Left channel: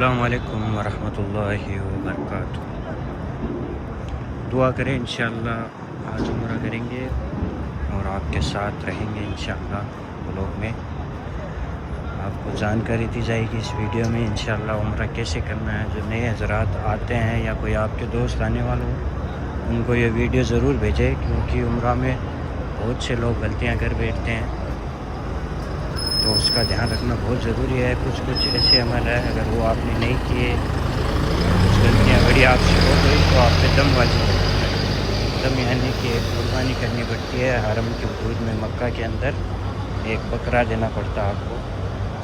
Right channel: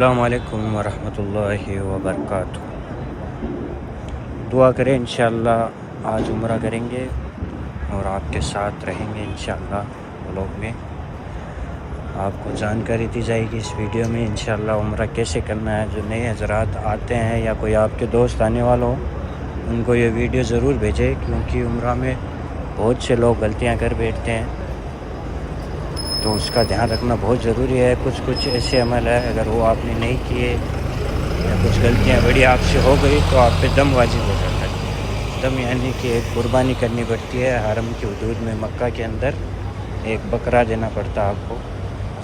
अस्सलामु अलैकुम वरहमतुल्लाहि वबरकातुहू। दुआ करें इंशाअल्लाह आज उम्रा करेंगे और आपके साथ रहेंगे इंशाअल्लाह व्लॉग में। आपको जानकारी दी जाएगी इस वीडियो में इंशाअल्लाह उम्रा कैसे करना है। जो नए हज़रात आते हैं या कोई आपके दोस्त आने वाला हो उनको ये वीडियो ज़रूर भेजें, क्योंकि उम्रा में बहुत से लोग गलतियाँ कर बैठते हैं, तो उसका ध्यान रखना बहुत ज़रूरी है। कुछ ऐसे अमल है अगर वो आपने नहीं किए या कुछ गलतियाँ बड़ी आपसे हो गई तो आप पे दम वाजिब हो जाता है। दम यानी कि एक कुर्बानी करनी पड़ती है हरम के हुदूद में, मक्का के अंदर एक बकरा देना पड़ता है आपको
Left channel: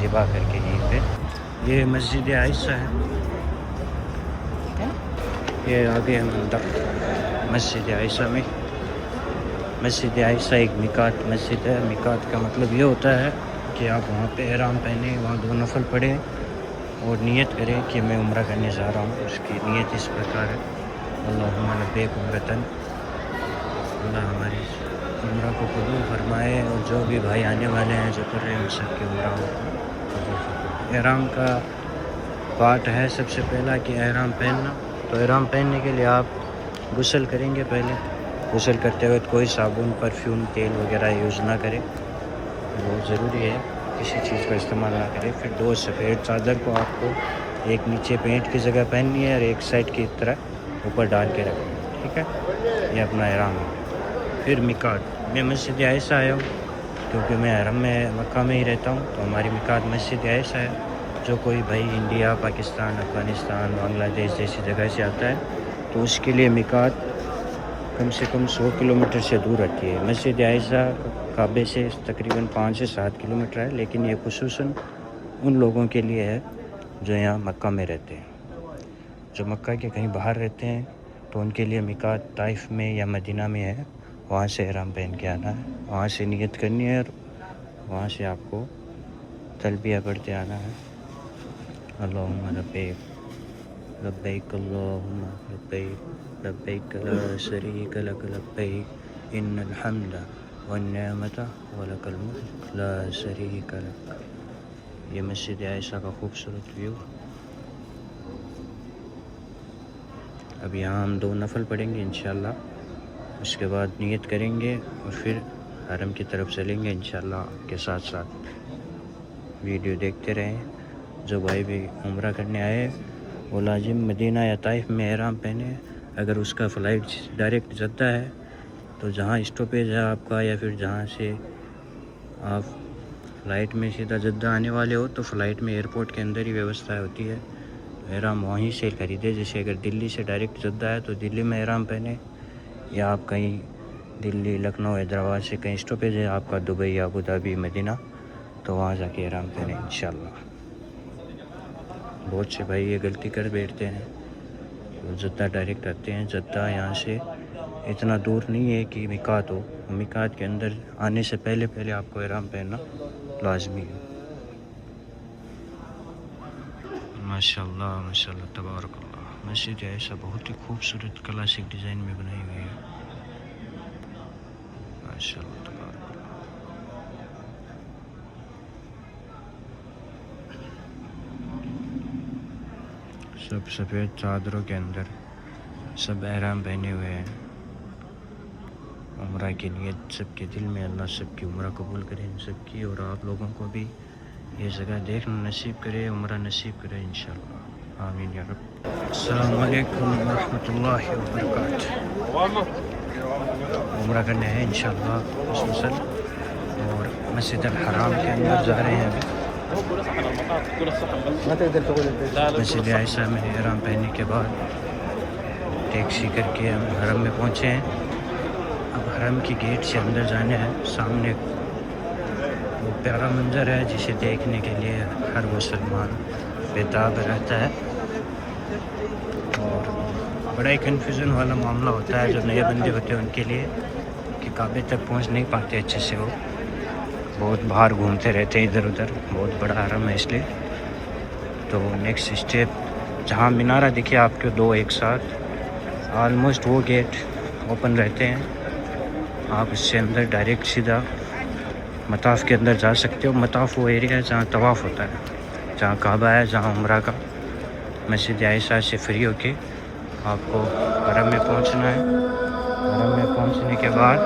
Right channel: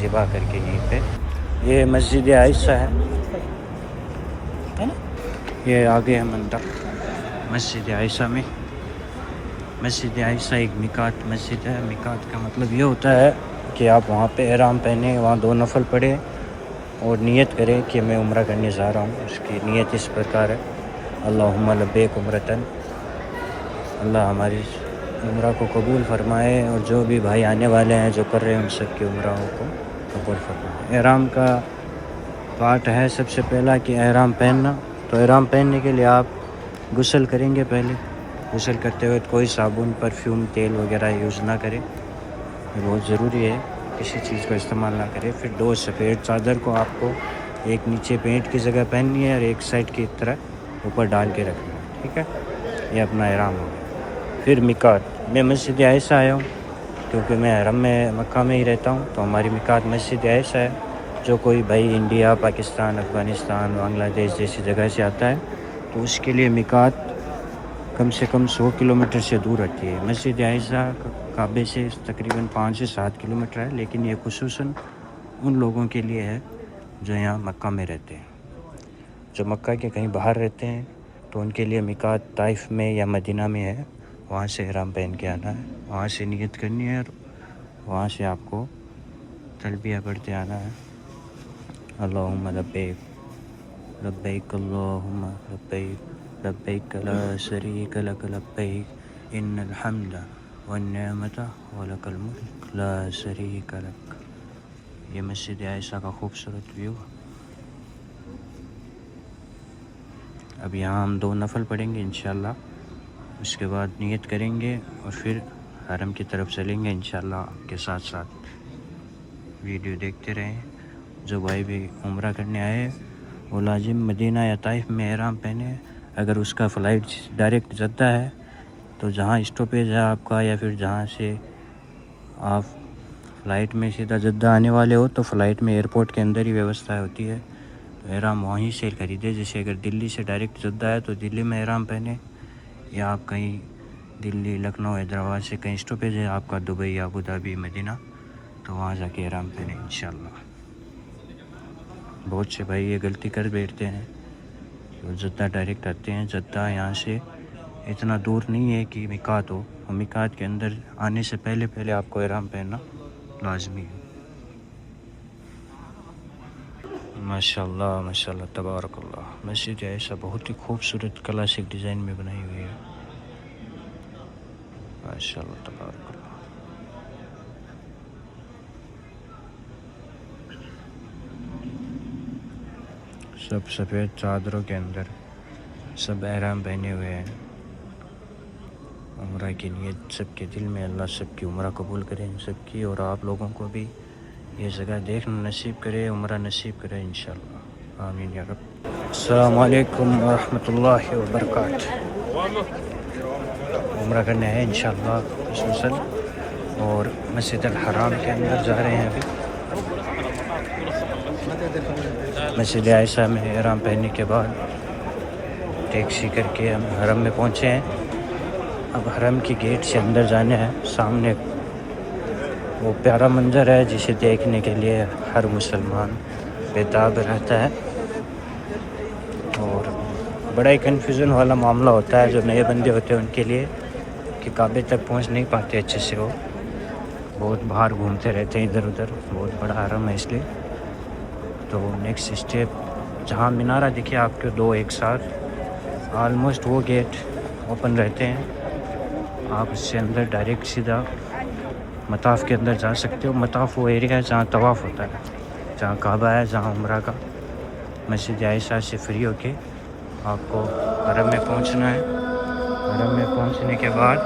ज़िबा करके यहीं पे। ये मस्जिद आयशा है, ये आगे है मंडप मस्जिद आयशा में। मस्जिद आयशा एक मिकात मस्जिद है। मिकात का मतलब ये होता है कि आप वहाँ पे एहराम पहने, वहाँ 2 नफल पढ़े और नियत करें कि मैं उम्रा करने जा रहा हूँ। उसकी नियत इस प्रकार है, अल्लाहुम्मा लब्बैक उम्रतन, अल्लाह हमारी उम्रा को कबूल फरमाए और जो भी भाई आने वाले हैं जो कर रहे हैं उन सब की उम्राओं को कबूल फरमाए। एहराम का पार्ट है सबसे पहला कि एहराम पहनना। तो एहराम पहनने के लिए आप गुस्ल करेंगे। पहले गुस्ल करते वक्त कोई साबुन, परफ्यूम, तेल वगैरह यूज़ ना करें, बहुत ज़रूरी है। किसी चीज़ का इस्तेमाल ना करें। फिर 2 सफ़ेद चादर को आपको एक नीचे पेंट की जगह पहननी है और एक साइड की तरह ऊपर डाल के रखना है, ठीक है। ये अपना एहराम हो गया। फिर मिकात, मैं मस्जिद आयशा आया हूँ क्योंकि मैं हरम में मक्का में ही रहता हूँ, तो हमारी मिकात मस्जिद आयशा है। जो कोई भाई इंडिया, पाकिस्तान, अफ़गानिस्तान, बांग्लादेश जैसी जगह से आता है तो उसके लिए मिकात कम से कम 100 किलोमीटर से दूर रहती है। मस्जिद आयशा काबे से तकरीबन 5 से 7 किलोमीटर है, लेकिन ये खुसूसन उन लोगों के लिए है जो यहाँ मक्का में रहते हैं। जो मक्का के कहीं बाहर रहते हैं तो उनके लिए मिकात ताइफ में या मदीना में है, वहाँ से एहराम पहन के आना है, वहाँ से नियत करनी है और वहाँ से आपको तलबिया पढ़ते आना है, अल्लाहुम्मा लब्बैक लब्बैक अल्लाहुम्मा लब्बैक लब्बैक ला शरीक लक लब्बैक इन्नल हम्दा वन्निअमत वलकल मुल्क ला शरीक लक। ये मस्जिद आयशा का खूबसूरत व्यू। अब यहाँ हम 2 नफल पढ़ेंगे इंशाअल्लाह, उसके बाद नियत करेंगे और फिर हरम की तरफ चलेंगे इंशाअल्लाह। आपके साथ साथ वीडियो देखते रहें। जो भाई भी उम्रा करने आए वो लाजिम मदीना या ताइफ में एहराम पहने। अगर उसका फ़्लाइट डायरेक्ट जद्दा है तो जहाँ स्टॉपेज है आपका या फिर जहाँ से आप फ़्लाइट में सीधा जद्दा आने वाले हो तो फ़्लाइट में एयरपोर्ट के अंदर ही व्यवस्था होती है, एहराम वहीं से ख़रीदे। जैसे अगर दिल्ली से डायरेक्ट जद्दा है तो दिल्ली में एहराम पहने, या आप कहीं दिल्ली, लखनऊ, हैदराबाद से कहीं स्टॉपेज है आपका दुबई, अबू धाबी, मदीना, तो वहाँ जाके एहराम पहने इंशाअल्लाह। बहुत से भाई ये गलती कर बैठते हैं, तो जद्दा डायरेक्ट आते हैं। जद्दा यहाँ से इतना दूर नहीं है कि मिकात हो। मिकात के अंदर आने से पहले आपको एहराम पहनना लाजमी है। माशाअल्लाह माशाअल्लाह तबारकल्लाह। मस्जिद आयशा बहुत ही खूबसूरत क्लासिक डिज़ाइन में बनाई हुई है, माशाअल्लाह तबारकल्लाह। सब सफ़ेद चादरों के अंदर सब एहराम पहने हुए हैं। उम्रा की नियत सबके दिल में, अल्लाह सबकी उम्रा कबूल करे इन सबकी, और आप लोगों को भी ये जगह देखना नसीब करे, उम्रा नसीब करे इंशाअल्लाह, आमीन या रब। अस्सलामु अलैकुम वरहमतुल्लाहि वबरकातुहू। उम्रा करने हैं इंशाअल्लाह खुसूसन, और मस्जिद अल हराम के अंदर जा रहे हैं। अभी मस्जिद आयशा में एहराम पहनने के बाद टैक्सी करके हम हरम में पहुँचे हैं। अब हरम की गेट से अंदर जाने हैं। सामने वो प्यारा मंजर है जिसे देखने के लिए हर मुसलमान बेताब रहता है, और बड़ा ही कन्फ्यूज़न वाला मामला होता है जो नए बंदे होते हैं उनके लिए, कि काबे तक पहुंच नहीं पाते अच्छे से। वो बहुत बाहर घूमते रहते हैं इधर उधर, बहुत बड़ा हरम है इसलिए। तो नेक्स्ट स्टेप जहां मीनारा दिखे आपके 2 एक साथ, आलमोस्ट वो गेट ओपन रहते हैं। आप उससे अंदर डायरेक्ट सीधा मताफ़ के अंदर जा सकते हो। मताफ़ वो एरिया है जहाँ तवाफ़ होता है, जहाँ काबा है, जहाँ उम्रा का मस्जिद आयशा से फ्री होके आपको हरम में पहुंचना है। हरम में पहुंचने के बाद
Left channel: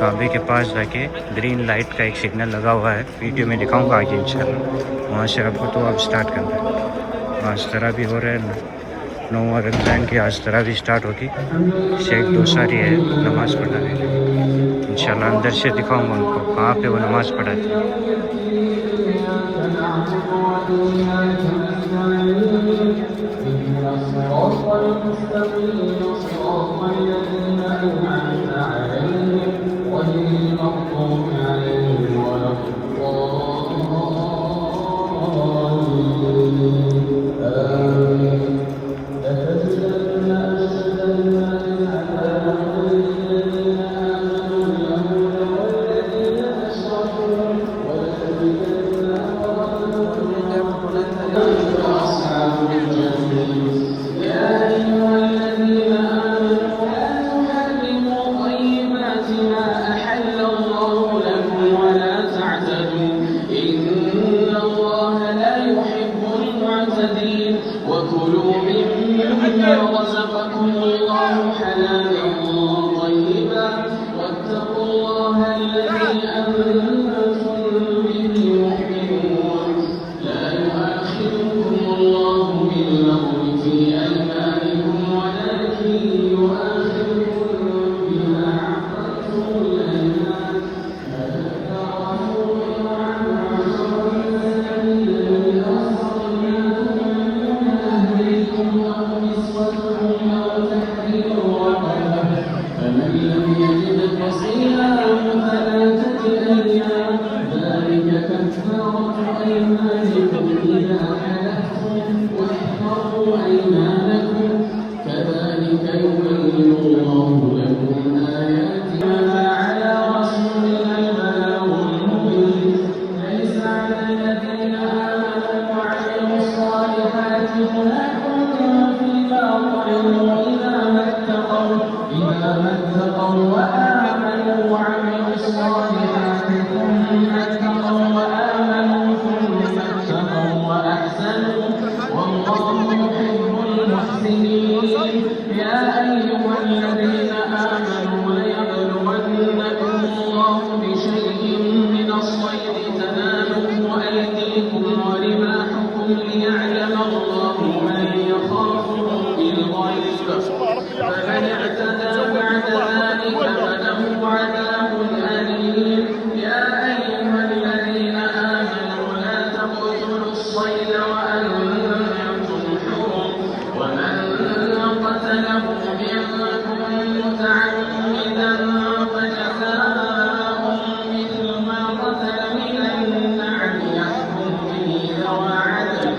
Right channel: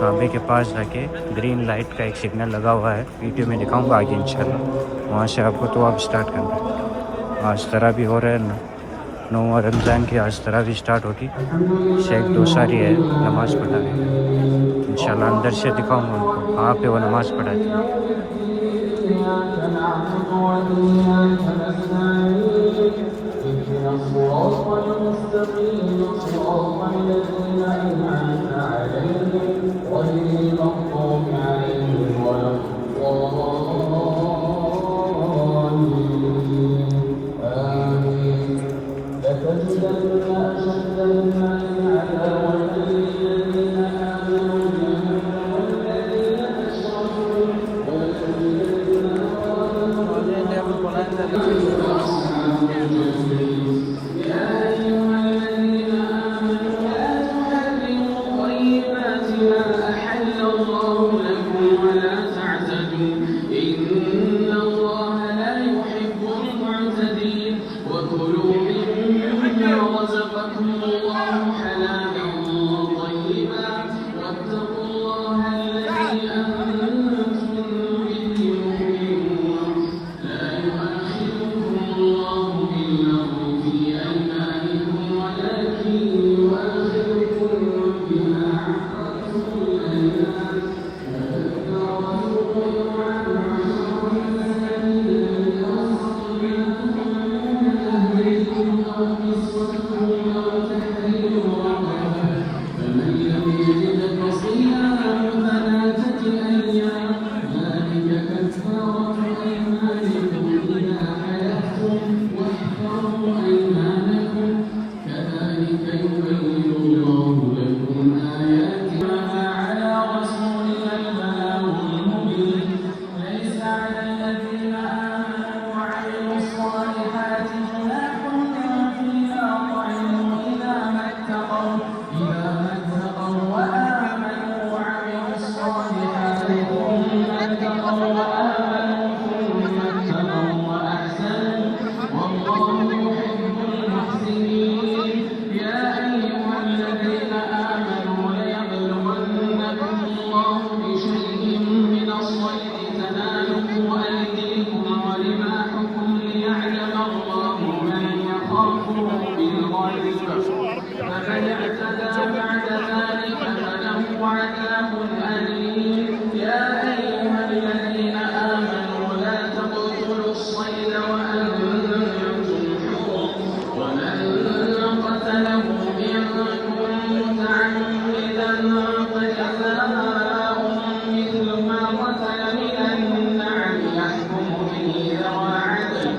काबे के पास जाके ग्रीन लाइट का एक सिग्नल लगा हुआ है, वीडियो में दिखाऊंगा आगे इंशाल्लाह। वहाँ से आपको तो आप स्टार्ट करना है। आज तरावी हो रहा है, 9 रमज़ान की आज तरावी स्टार्ट होगी। शेख दोसारी है नमाज़ पढ़ा रहे हैं। इंशाल्लाह अंदर से दिखाऊंगा उनको कहाँ पे वो नमाज़ पढ़ाते हैं।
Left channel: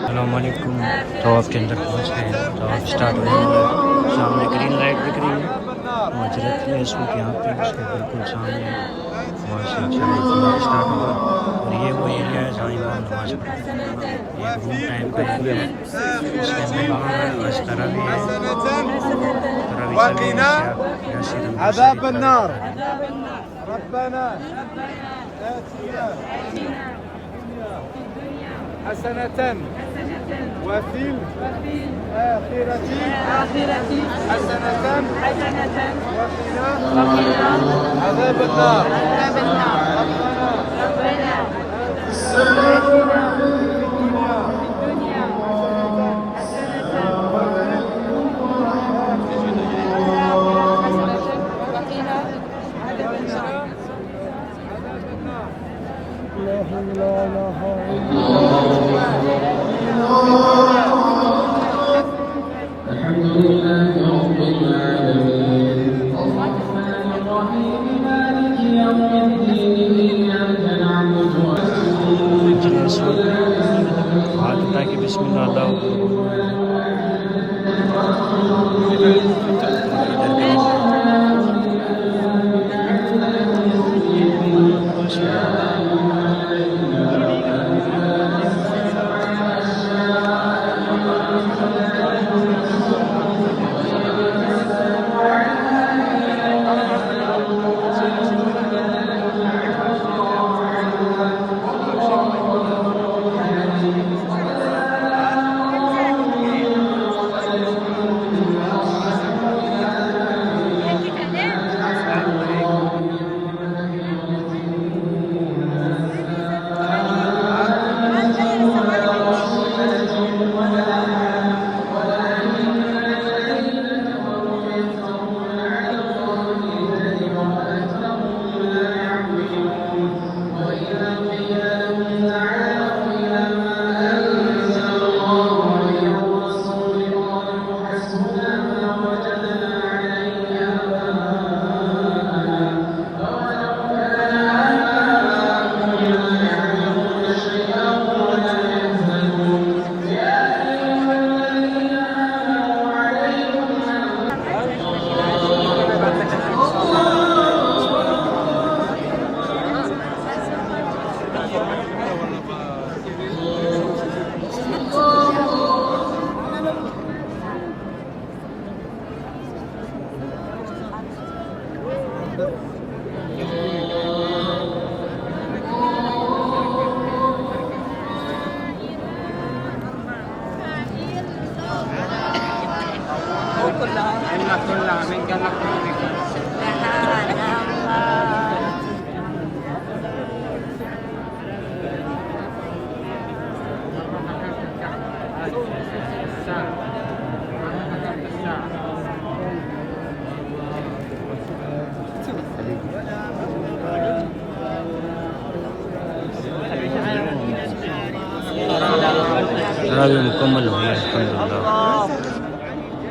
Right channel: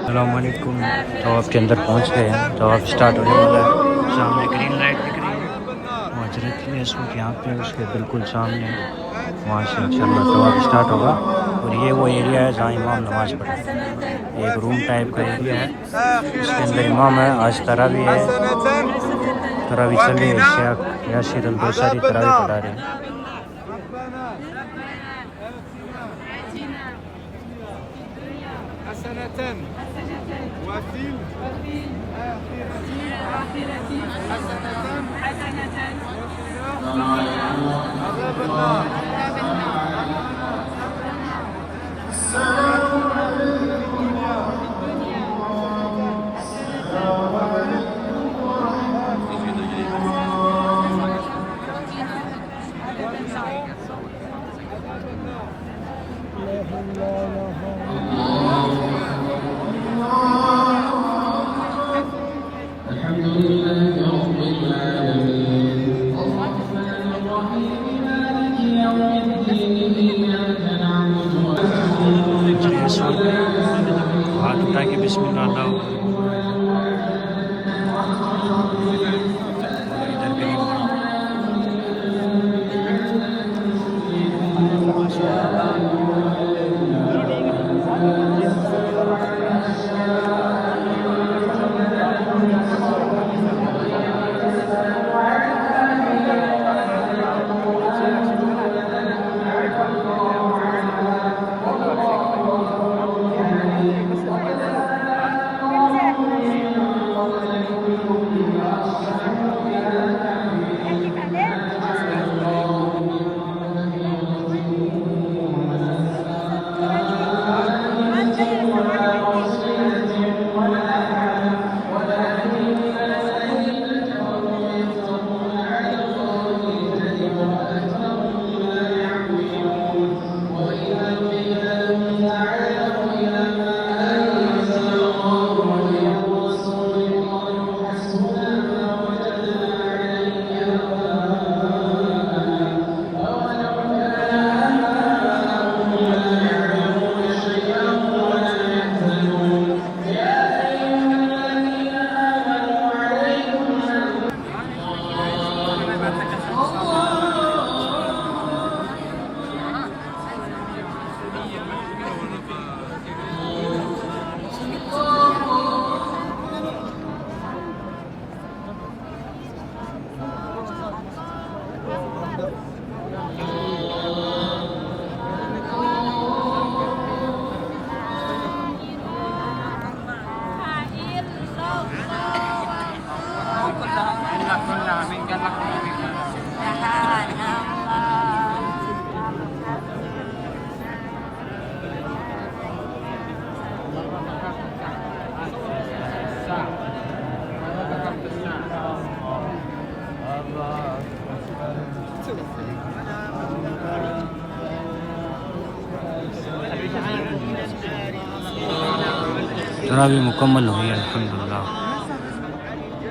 अस्सलामुअलैकुम। तो आपके अंदर पहुंच गए हैं, तो आप स्टार्ट होने वाला है। सामने ग्रीन लाइट दिख रही है, वो हजरत की है सूख यहाँ पे उसके बिल्कुल सामने, वहाँ से इंशाल्लाह तो आप स्टार्ट होगा। और ये वो एरिया है जहाँ इमाम नमाज़ पढ़ते हैं। ये एक रूम टाइप का एरिया है, इसके अंदर इमाम है। आज तरावी है, तरावी चल रही है। यासिर अंसारी तरावी पढ़ा रही है। حسنة وفي الآخرة حسنة وقنا عذاب النار. हाथ उठा के बिस्मिल्लाह अल्लाह इधर तरावी मुकम्मल हुई अल्हम्दुलिल्लाह।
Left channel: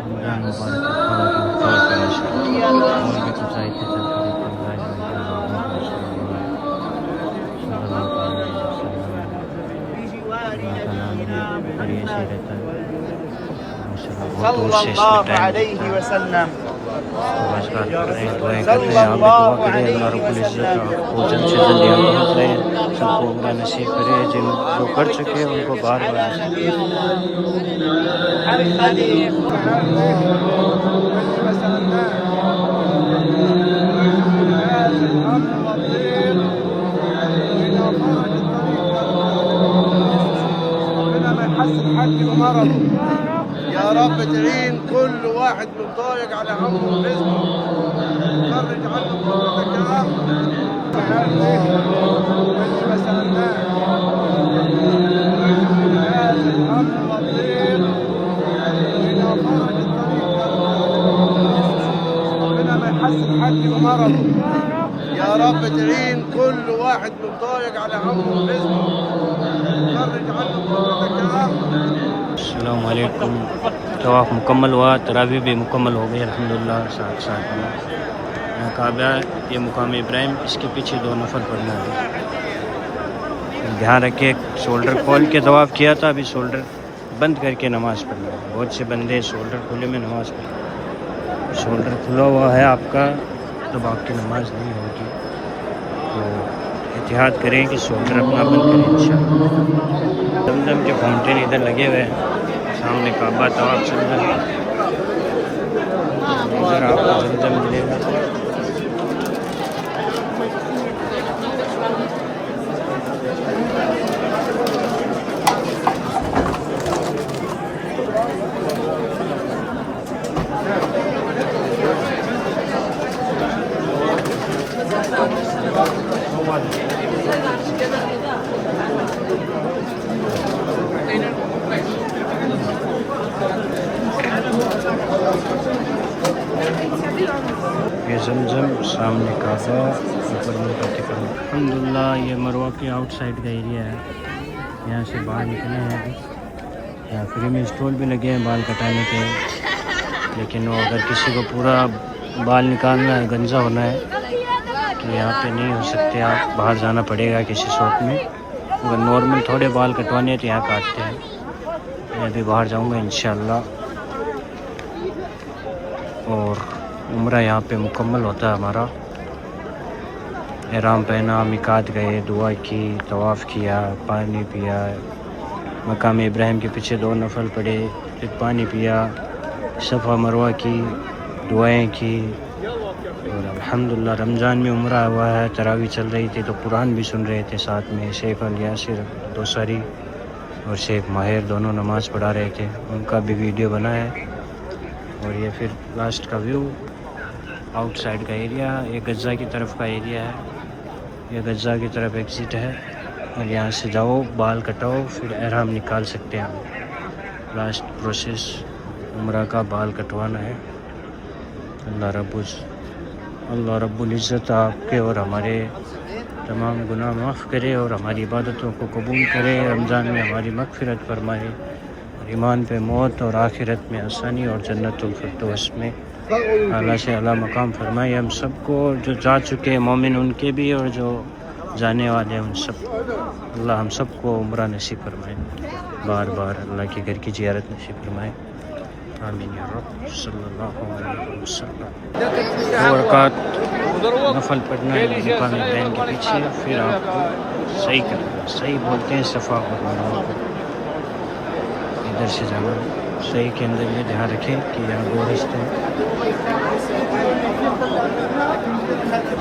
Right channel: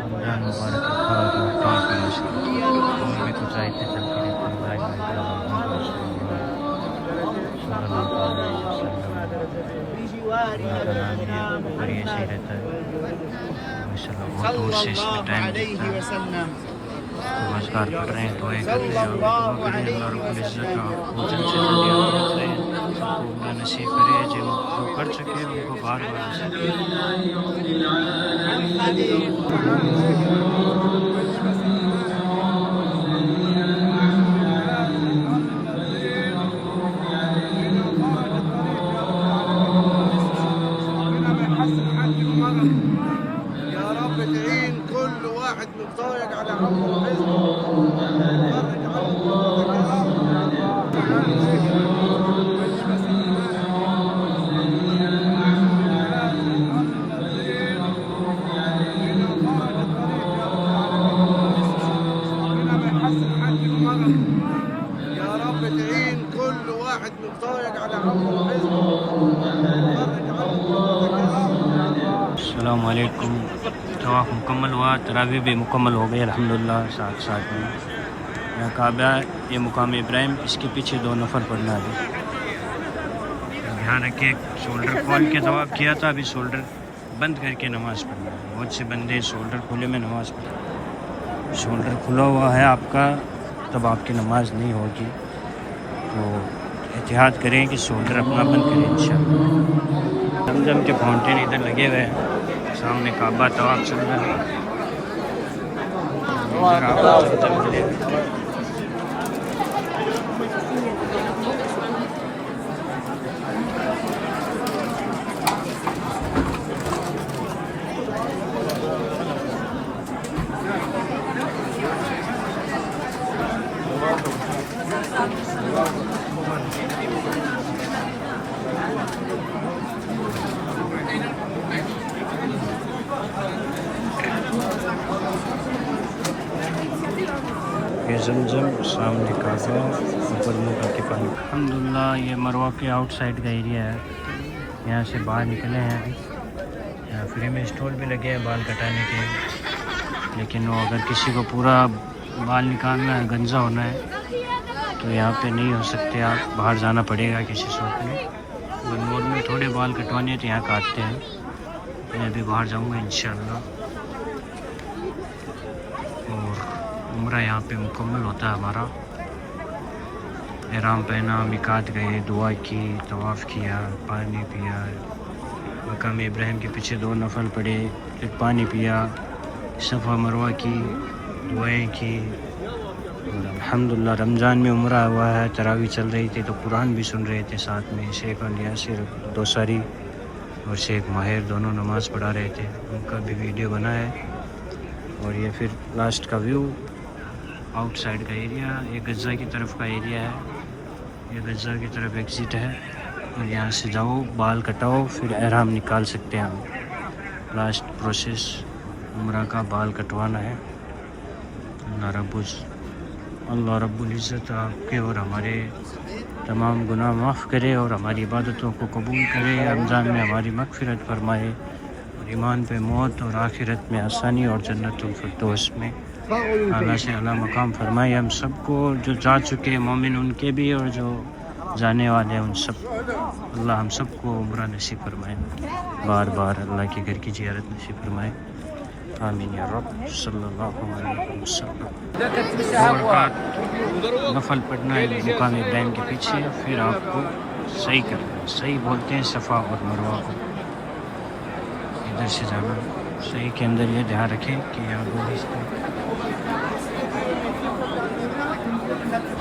रमज़ान मुबारक तौर पे और भी कुछ आयतें चलती रहती हैं। ऊपर ये सही रहता है माशाल्लाह। बहुत दूर से इसमें टाइम लगता है। नमस्कार पढ़ रहे हैं, दुआएं कर रहे हैं। आप भी दुआ करें अल्लाह रब्बुल इज़्ज़त आपको जल्द से जल्द याद पहुँच रहे हैं, सबको उम्रा नसीब करे। जिन जो कर चुके हैं उनको बार बार يا رب تعين كل واحد متضايق على همه وحزنه، فرج عنه برحمتك يا رب. ربنا ما يحسن حالي ومرض. يا رب تعين كل واحد متضايق على همه وحزنه، فرج عنه برحمتك يا رب. अस्सलाम वालेकुम। तवाफ़ मुकम्मल हुआ, तरावी भी मुकम्मल हो गई अल्हम्दुलिल्लाह। साथ साथ में काबा, ये मुकाम इब्राहिम, इसके पीछे 2 नफल पढ़ना है। ध्यान रखिए, शोल्डर खोल के तवाफ़ किया था, अभी शोल्डर बंद करके नमाज़ पढ़ना है। बहुत से बंदे शोल्डर खुले में नमाज़ पढ़ते हैं। शोल्डर खुला हुआ है आपका तब आपकी नमाज़ नहीं होगी, तो एहतियात करें कि शोल्डर अपना बंद करें इंशाअल्लाह। जमजम के फाउंटेन इधर लगे हुए हैं, सामने काबा तवाफ चल रहा है। इधर आपको जमजम मिलेगा। ये जमजम, सामने काबा, ऊपर मुँह करके पानी। अल्हम्दुलिल्लाह ये मरवा के आउटसाइड का एरिया है। यहाँ से बाहर निकले हैं अभी। यहाँ फ्री में स्टॉल भी लगे हैं बाल कटाने के, लेकिन वो अगर किसी को पूरा बाल निकालना है, गंजा होना है, तो यहाँ पे नहीं हो सकते। आप बाहर जाना पड़ेगा किसी शॉप में। अगर नॉर्मल थोड़े बाल कटवाने हैं तो यहाँ काटते हैं। मैं अभी बाहर जाऊँगा इंशाअल्लाह। और उम्रा यहाँ पे मुकम्मल होता है हमारा। एहराम पहना, मिकात गए, दुआ की, तवाफ़ किया, पानी पिया, मकाम इब्राहिम के पीछे 2 नफल पढ़े, फिर पानी पिया, सफ़ा मरवा की, दुआएं की। और अल्हम्दुलिल्लाह रमज़ान में उम्रा हुआ है, तरावी चल रही थी तो कुरान भी सुन रहे थे साथ में। शेख अल यासिर दोसारी और शेख माहिर दोनों नमाज़ पढ़ा रहे थे, उनका भी वीडियो बना है। और ये फिर लास्ट का व्यू, आउटसाइड का एरिया। ये गज़ा की तरफ का एरिया है, ये गज़ा की तरफ एग्ज़िट है। और यहाँ से जाओ, बाल कटाओ, फिर एहराम निकाल सकते हैं हम। लास्ट प्रोसेस उम्रा का बाल कटवाना है। अल्लाह रब्बुल इज़्ज़त आपके और हमारे तमाम गुनाह माफ़ करे और हमारी इबादतों को कबूल करे। रमज़ान में हमारी मग़फ़िरत फरमाए और ईमान पे मौत और आखिरत में आसानी और जन्नतुल फिरदौस में आला से आला मकाम फरमाए। हम सबको, जो जा चुके हैं मोमिन उनके भी और जो जाने वाले हैं उन सब, अल्लाह हम सबको उम्रा नसीब फरमाए। बार बार अल्लाह के घर की ज़ियारत नसीब फरमाए। आमीन या रब सल्लल्लाहु अलैहि वसल्लम। 2 रकात नफल पढ़ना है मुकाम इब्राहिम के पीछे, फिर आपको सही करना है। सही बोलते हैं सफ़ा और मरवा को। इधर से जाना है। सही के अंदर ये ध्यान रखें कि यहाँ 2 रास्ते हैं।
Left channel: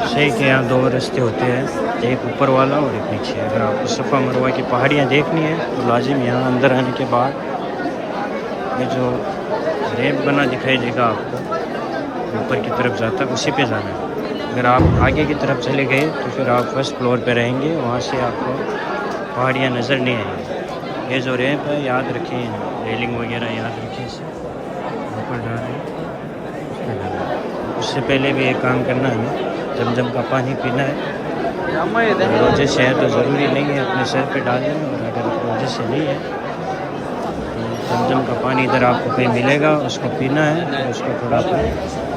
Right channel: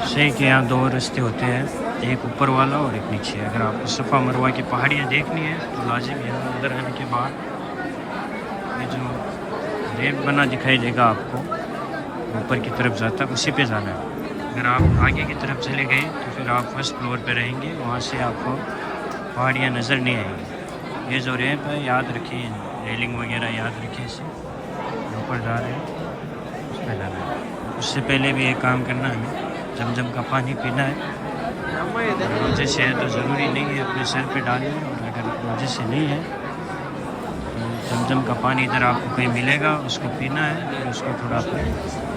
सही के यहाँ 2 रास्ते होते हैं, एक ऊपर वाला और एक नीचे। अगर आपको सफ़ा मरवा की पहाड़ियाँ देखनी है तो लाजिम यहाँ अंदर आने के बाद ये जो रैंप बना दिखाई देगा आपको, ऊपर की तरफ जाता है उसी पे जाना है। अगर आप आगे की तरफ चले गए तो फिर आप फर्स्ट फ्लोर पे रहेंगे, वहाँ से आपको पहाड़ियाँ नज़र नहीं आएंगी। ये जो रैंप है याद रखें, रेलिंग वगैरह याद रखें, इसे ऊपर जा रहे हैं उस पर जाना है। उससे पहले भी एक काम करना है, जमजम का पानी पीना है। रोजे से है तो ज़रूरी नहीं है अपने सर पे डालना है, और अगर रोजे से नहीं है तो जमजम का पानी इधर आपको कहीं मिलेगा, उसको पीना है। फिर उसको थोड़ा अपने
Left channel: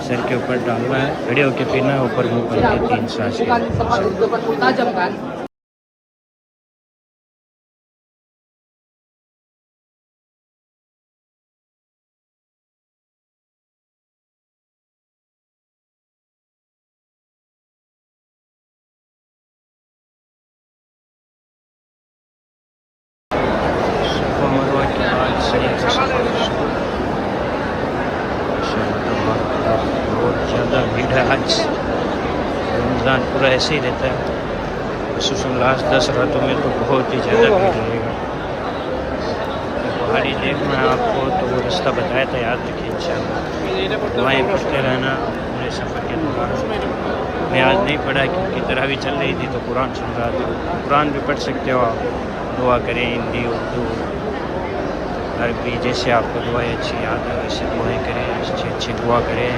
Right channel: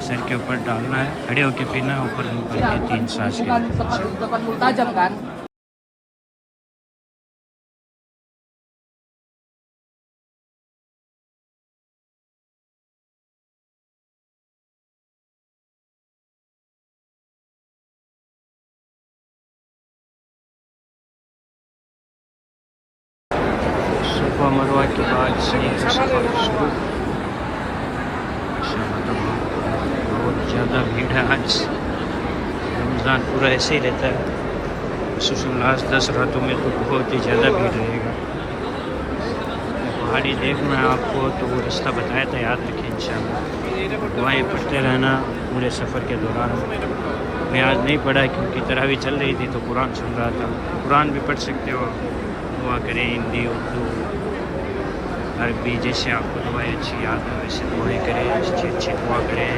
सर के ऊपर डालना है, खड़े होकर पीना है, ऊपर मुँह करके 3 सांस के। सफ़ा मरवा के बाद सही से सफ़र शुरू। माशाअल्लाह बहुत ज़्यादा भीड़ है आज। रमज़ान पूरा ऐसे ही रहता है, खुसूसन लास्ट 10 रातों में तो बहुत ही ज़्यादा भीड़ रहेगा। पहाड़ी देखना है आपको तो वो रास्ता बताया था, याद रखिए इंशाअल्लाह। दुआएं पढ़ते रहना पूरे सफ़र के दौरान। मैं आज नहीं पढ़ा क्योंकि तरावी चल रही थी तो कुरान सुन रहा था। कुरान भी पढ़ सकते हो आप, दुआ करें हिंदी, उर्दू, अरबी, जैसे आपको दुआएं अच्छी याद है वैसे दुआएं करें, अच्छी दुआ करें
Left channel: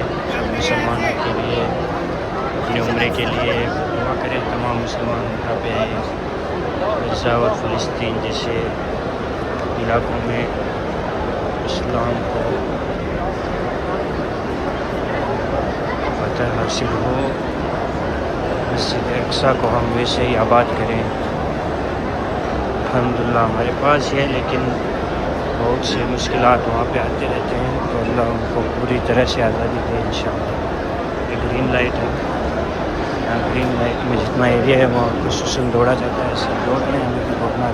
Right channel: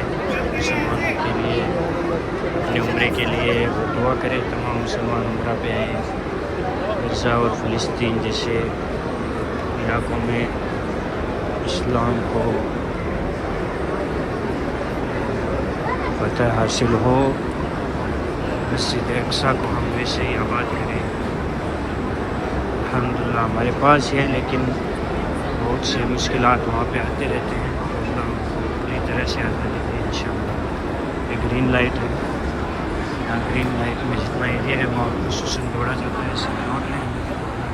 मुसलमानों के लिए, अपने उम्रे के लिए दुआ करें। तमाम मुसलमान उम्रा पे आए। गज़ा और फ़लस्तीन जैसे इलाकों में इस्लाम को फतह हासिल हो, मस्जिद अक़सा को हम वैसे ही आबाद करें। अल्हम्दुलिल्लाह हमारे पास है, लेकिन बहुत से मुश्किलात वहाँ पे आते रहते हैं, तो अल्लाह उनको पूरी तरह से आज़ादी दे इंशाअल्लाह। ये ग्रीन लाइट है, यहाँ ग्रीन लाइट में जितना एरिया है वहाँ खुसूसन दौड़ा जाता है, सब दौड़ रहे हैं, दौड़ना